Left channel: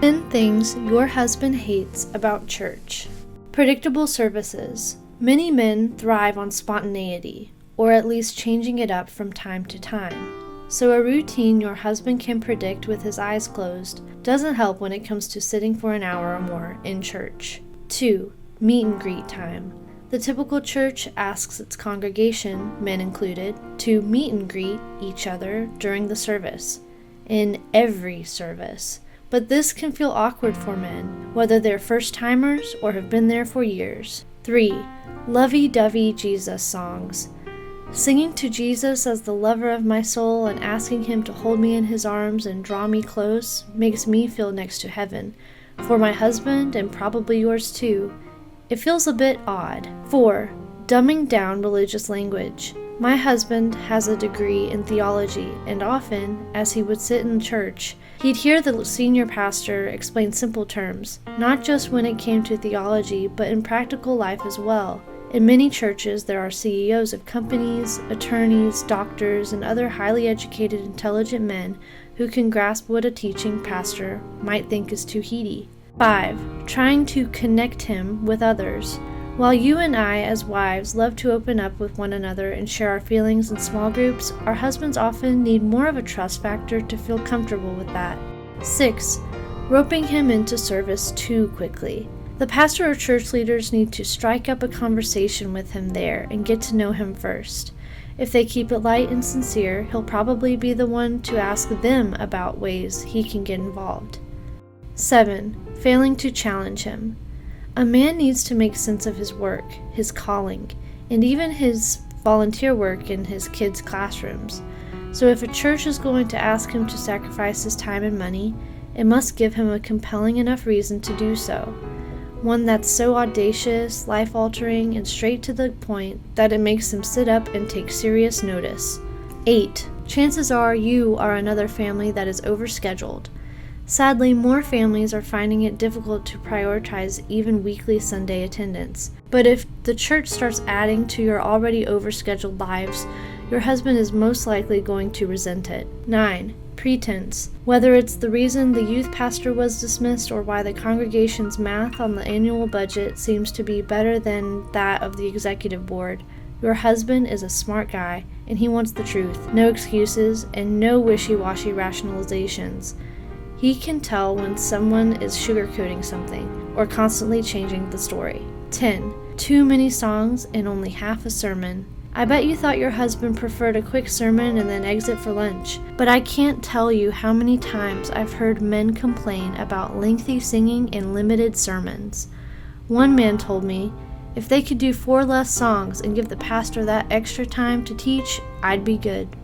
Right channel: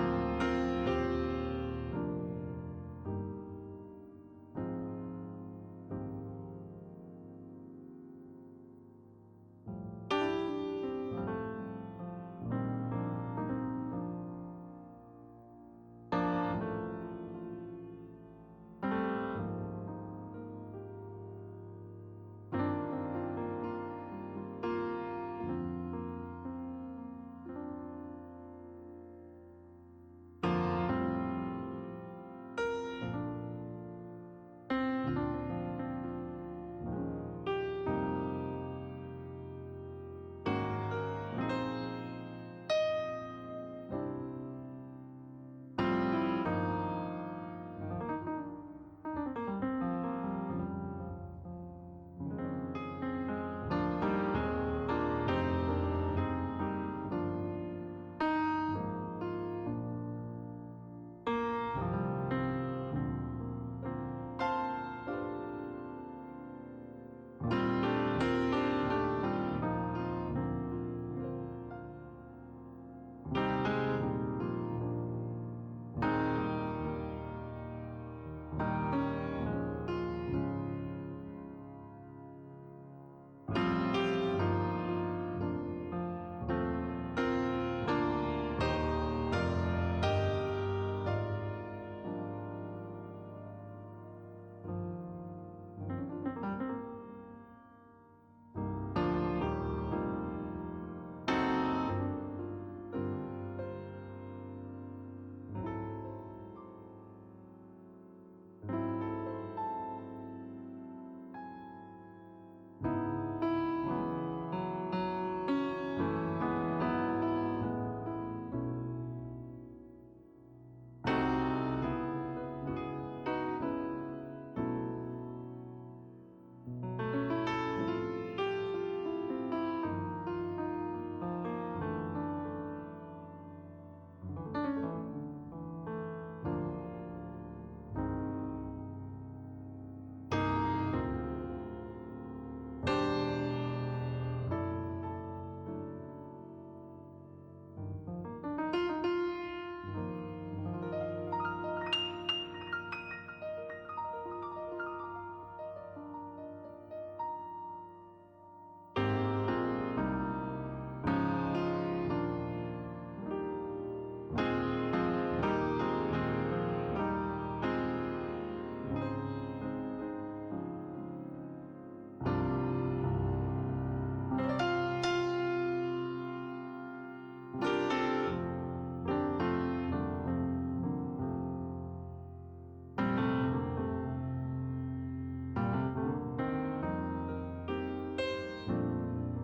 10 things your husband hates about church. Predictable services. Many men thrive on spontaneity, or at least changing it up from time to time. So a routine your husband can predict with his eyes closed doesn't help when it comes to sitting for an hour or more in church. 2. Meet and greet time. The typical church asks its congregation, men included, to meet and greet each other during the service. In every service. But this can feel awkward for men, whether they're first-timers or have been there for years. 3. Lovey-Dovey Jesus songs. Singing to Jesus as the lover of my soul and asking him to hold me in his arms and draw me close makes me feel next to heaven. For my husband, and probably yours too, it feels a bit odd. 4. Dumbing down religious language. My husband has a degree in theology, and often, as he would sit in church, he'd hear the senior pastor explain simple terms, not just when it came to theology, but in practical life as well. In many churches, there are CEOs of companies, attorneys, doctors, and other highly educated, intelligent men who can grasp what a teaching pastor might think is too heady. 5. Trying to connect him with others. While you and I, as wives, love to open up with one another and share our feelings in small groups, our husbands often need more of a trust factor to feel comfortable with that. 6. Roping him into service too quickly. The pastor or church leaders need to strike up a conversation with him there and get to know him first. If they keep it light and sincere, he'll probably be the one to ask them about ways he can get involved. 7. Failing to challenge him. A man needs to make sense of his work, his calling, and even his volunteer work in his kids' classrooms. So if a church is going to ask him to sacrifice his time and money, it must give him a compelling enough reason to do so. One that's so audacious, life-altering, and straight to the point that it makes him sit up and take serious notice. 8. Chances are you are another family that is overscheduled. Sadly, more families are finding it difficult to prioritize even weekly Sunday attendance. But if the church starts adding to your already overscheduled lives, your husband is most likely going to resent it. 9. Pretense. Whether it's the reason the youth pastor was dismissed or why the congregation's math on the annual budget seems to be better than that of the executive board, your husband is a smart guy and he wants the truth, no excuses, and no wishy-washy rationalizations. He can tell when someone is sugarcoating something or constantly changing the story. 10. Too many songs and only half a sermon. I bet you thought your husband preferred a quick sermon and then exit for lunch, but I can't tell you how many times I've heard men complain about lengthy singing and limited sermons. One man told me, if they could do 4 less songs and give the pastor that extra time to teach, I'd be good.